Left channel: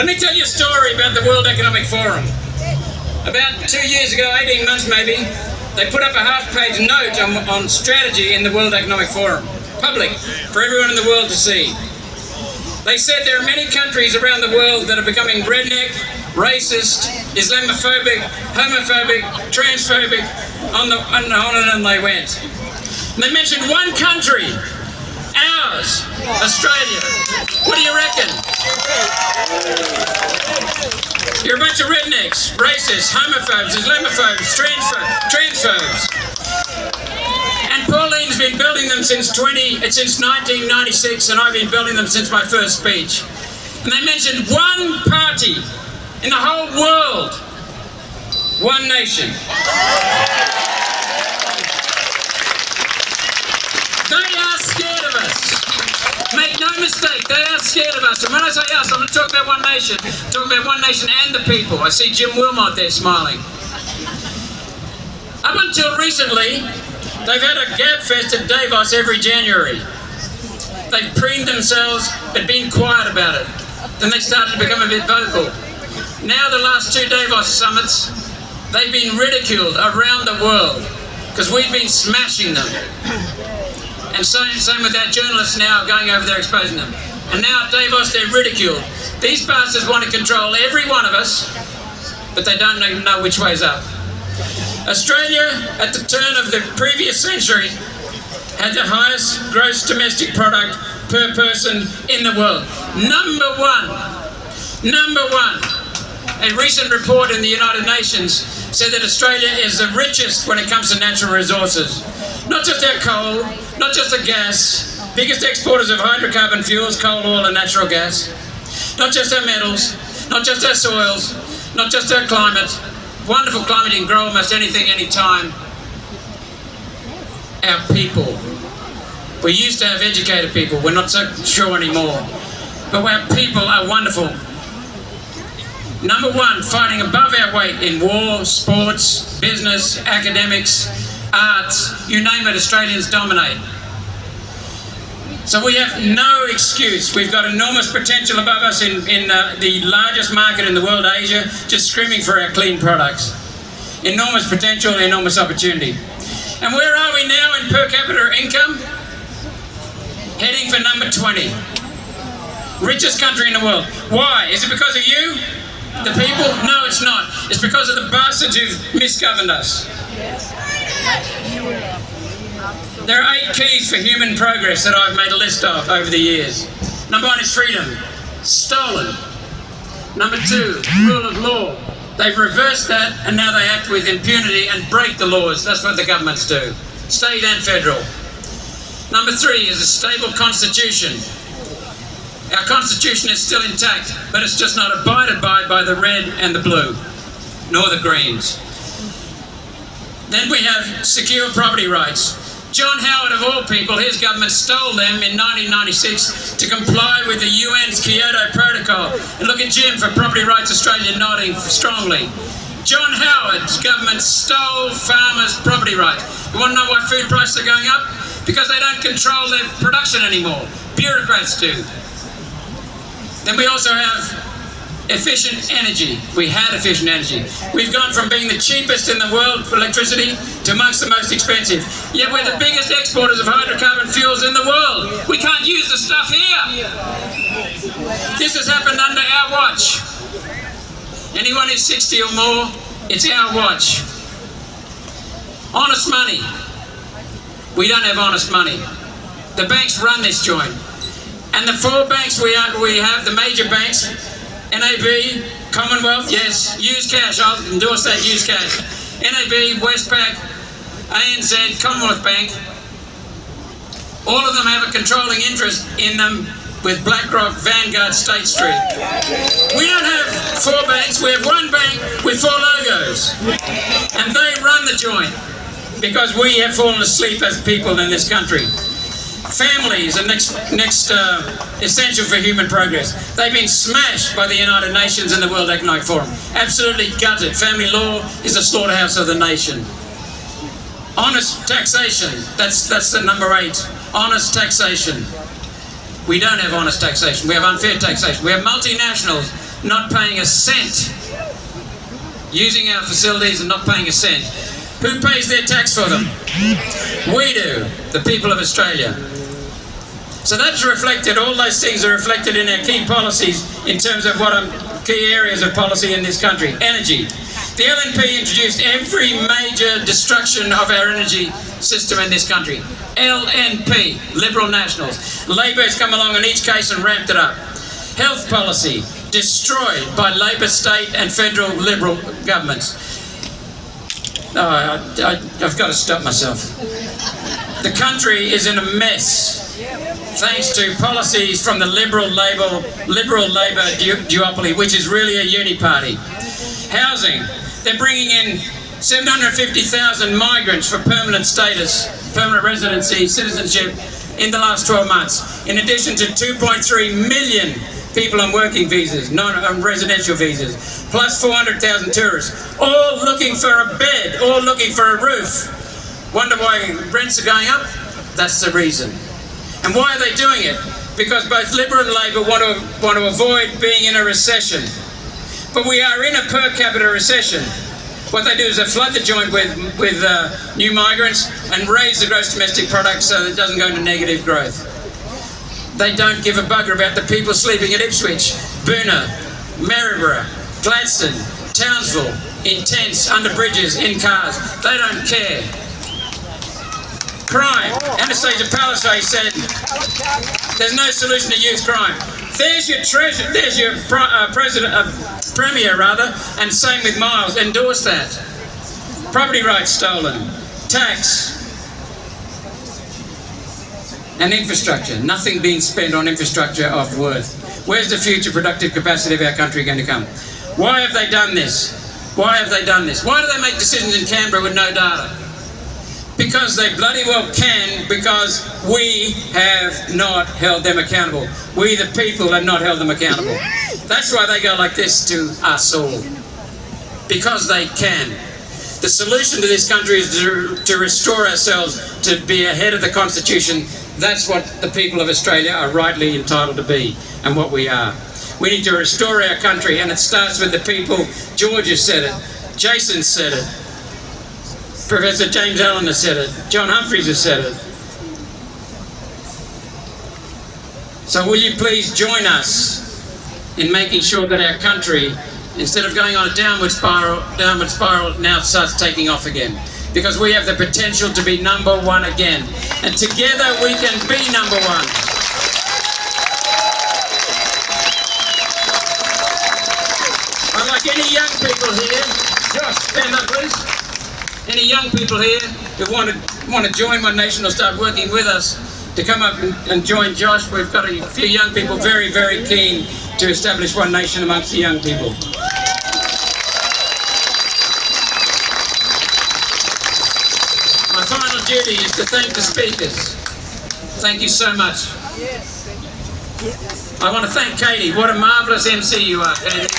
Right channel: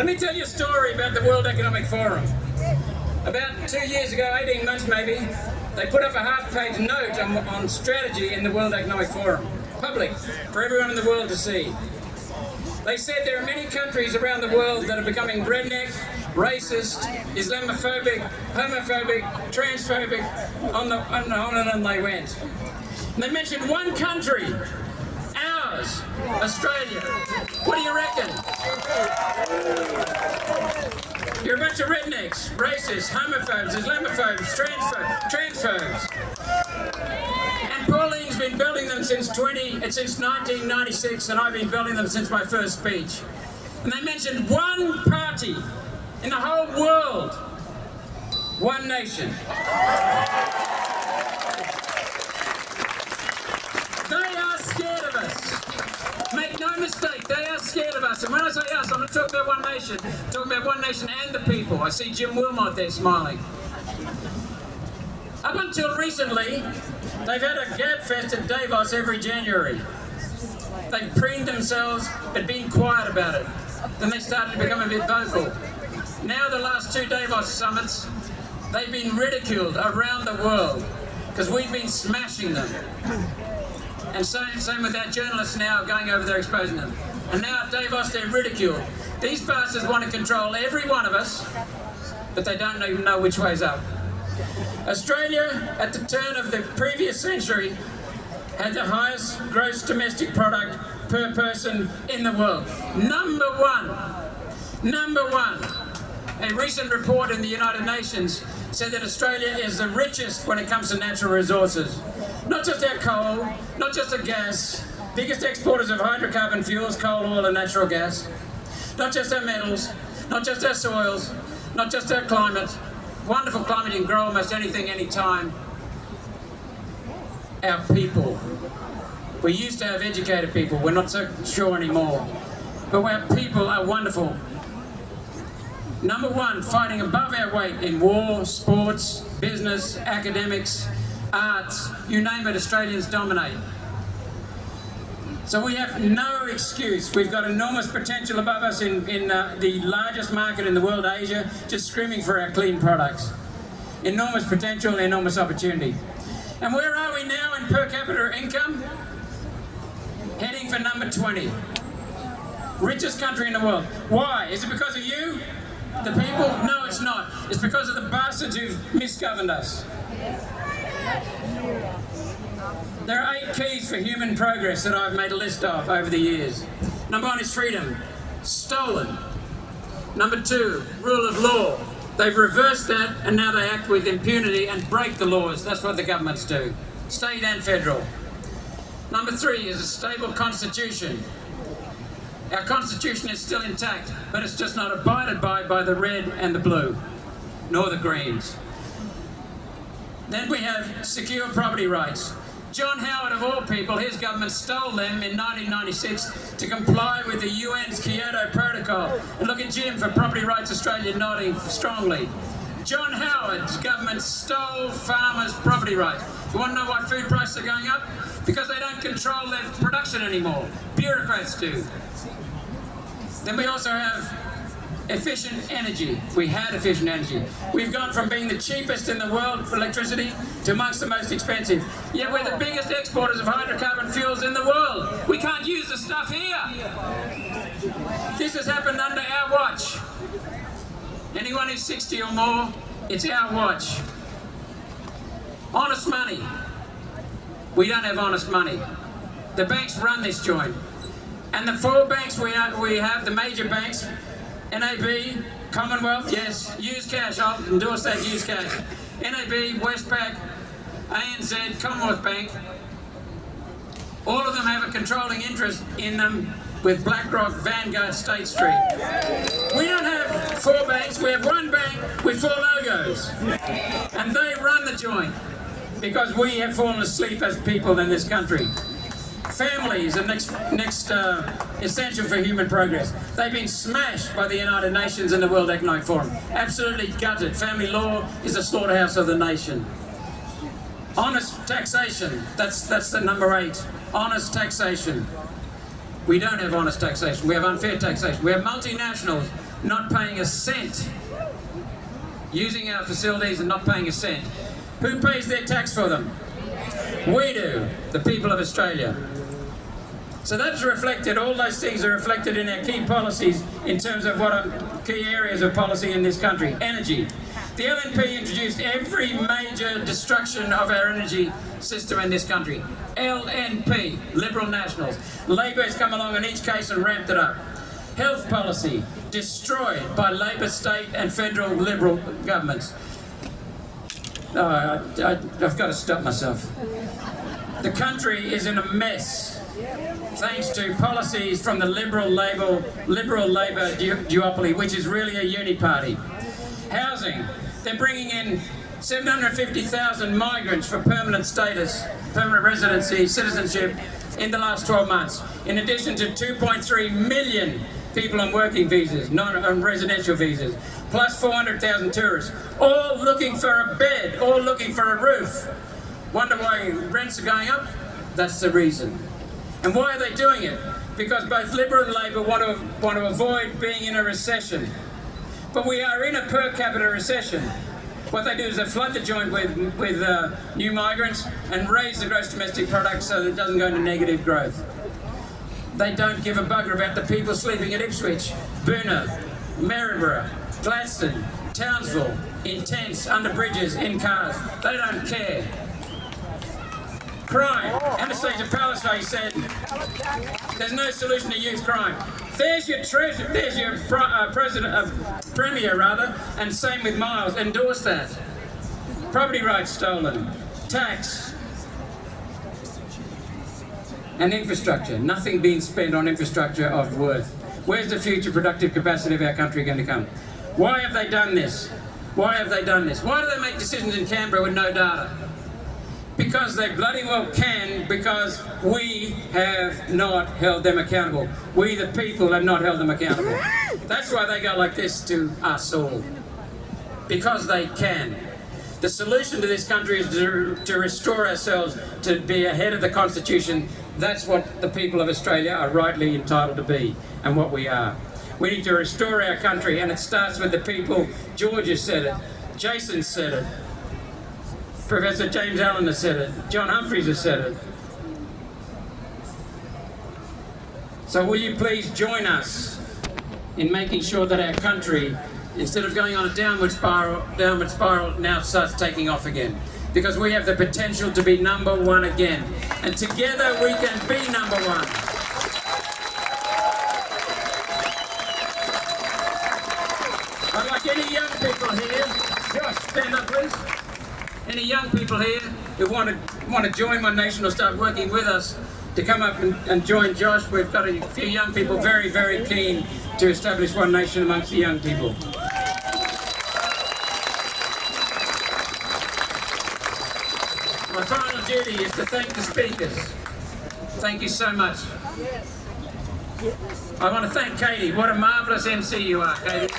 Let me tell you a story about the World Economic Forum. About 2 years ago, 18 months maybe, they put up a half-page note on strategy in the World Economic Forum. Public, for everyone in the world to see. They said there are many countries around the world that are becoming redneck, racist, Islamophobic, homophobic, transphobic, on and on they went. And they mentioned one country, ours, Australia. What do you reckon? You're a bunch of rednecks, racists, homophobes, Islamophobes, transphobes. And Pauline's been building them since 1996, and I've been building them since my first speech. And they mentioned one party in the whole world, one nation. They are scared of us. Make no mistake, they are scared of us. And when I say us, I'm going to talk about one nation. Talk about one nation and the people. I see Jim Wilmot there smiling. Up until recently, they've had a gab fest at Davos every January. They've preened themselves, but been quiet about it. Then they started to become a bit vocal. Now the last two Davos summits, they've been ridiculed around the world because we've been smashing them. And same with our journalists now going over there exposing them. And now at Davos they're ridiculed. These bastards want to control every one of us, but they don't even know which way's up. Australia, at the turn of the previous century, had the highest gross domestic product per person in the world. Number one. A recent report in the United Nations said that Australia is the richest when it comes to natural resources. Not just our coal, not just the gas, biggest exporters of hydrocarbon fuels, coal, oil and natural gas. Not just our metals, not just our soils, not just our climate. Wonderful climate, you can grow almost anything, anytime. Our people. We used to have educated people, we're not so sure anymore. But our people are wonderful. Number one, fighting above our weight in war, sports, business, academics, arts, you name it, Australians dominate. So we have no excuse. We've got enormous potential above us in the largest market in the world, Asia, just screaming for our clean products. Enormous potential, enormous opportunity. And where are we now in per capita income? Heading for number 20. Richest country in the world. Why? Is it because of you? The people? No, it's not. It's because of the bastards who've misgoverned us. There are 8 keys for human progress that I've made a list of over the years. Number 1 is freedom. Stolen. Number 2, rule of law. They've reversed that and now they act with impunity and break the laws. That's what the governments do. State and federal. Number 3 is a stable constitution. Our constitution is still intact, but it's just not abided by the red and the blue, nor the greens. Then we have secure property rights. John Howard, of all people, his government stole them in 1996 to comply with the UN's Kyoto Protocol. And look at Jim for Property Rights Australia nodding strongly. John Howard's government stole farmers' property rights. You want to know why food prices are going up? Because they don't control their production anymore. Bureaucrats do. Then we also have efficient energy. We had efficient energy. We've gone from being the cheapest in the world for electricity to amongst the most expensive. Yet we're the biggest exporters of hydrocarbon fuels in the world. We can't use the stuff here. This has happened under our watch. Anyone who's 60 or more, it's our watch. Honest money. We don't have honest money. The banks run this joint. And the 4 banks we have, the major banks, NAB, Commonwealth, yes, use cash, I'll endorse that, use cash. NAB, Westpac, ANZ, Commonwealth Bank, all of them have a controlling interest in them with BlackRock, Vanguard, State Street. We don't have 4 banks, we have 1 bank with 4 logos. And they run the joint because we have fallen asleep as people in this country. Families are next essential for human progress. They've been smashed by the United Nations and the World Economic Forum. Absolutely gutted. Family law is a slaughterhouse of the nation. Honest taxation. That's the number 8. Honest taxation. We don't have honest taxation. We have unfair taxation. We have multinationals not paying a cent, using our facilities and not paying a cent. Who pays their tax for them? We do, the people of Australia. So that's reflected, all those things are reflected in our key policies in terms of key areas of policy in this country. Energy. The LNP introduced every major destruction of our energy system in this country. LNP, Liberal Nationals. Labor has come along in each case and ramped it up. Health policy, destroyed by Labor state and federal Liberal governments. I've got to stop myself. The country is in a mess thanks to policies from the Liberal Labor duopoly, which is really a uni-party. Housing. They're bringing in 750,000 migrants for permanent status, permanent residency, citizenship in the last 12 months, in addition to 2.3 million people on working visas, non-residential visas, plus 400,000 tourists, all looking for a bed, all looking for a roof. Wonder why rents are going up? That's the reason. And why are they doing it? Because both Liberal and Labor want to avoid being in a recession. But we are in a per capita recession. What they do is they flood the joint with new migrants and raise the gross domestic product so that it doesn't go into negative growth. They don't give a bugger about the people sleeping at Ipswich, Boona, Maryborough, Gladstone, Townsville, in tents, under bridges, in cars. They don't care. Crime. Anastasia Palaszczuk said, there's no solution to youth crime. There's your treasure. There's your premier, and same with Miles. Endorse that. Property rights stolen. Tax. And infrastructure. Nothing being spent on infrastructure of worth. Where's the future productive capacity of our country going to come? Why have they done this? Why have they done this? Why do they make decisions in Canberra with no data? Because they bloody well can, because we have not held them accountable. We, the people, have not held them accountable. That's why they go like this to us all. Because they can. The solution to this country is to restore ourselves, to be ahead of the Constitution. That's what the people of Australia are rightly entitled to be, and what we are. We need to restore our country, and it starts with the people. George has said it. Jason said it. Professor James Allen has said it. John Humphreys has said it. So will you please join us in making sure that our country, instead of going on a downward spiral, now starts taking off again. Because we have the potential to be number one again. And together we can be number one. I'd like any young people here, Josh, stand up please. Any young people here who want to join One Nation or start working with us, to come up and join Josh. We've got a few young people very, very keen to establish One Nation amongst the young people. My final duty is to thank the speakers. Thank you so much. I want to thank Katie. What a marvellous MC you are, Katie.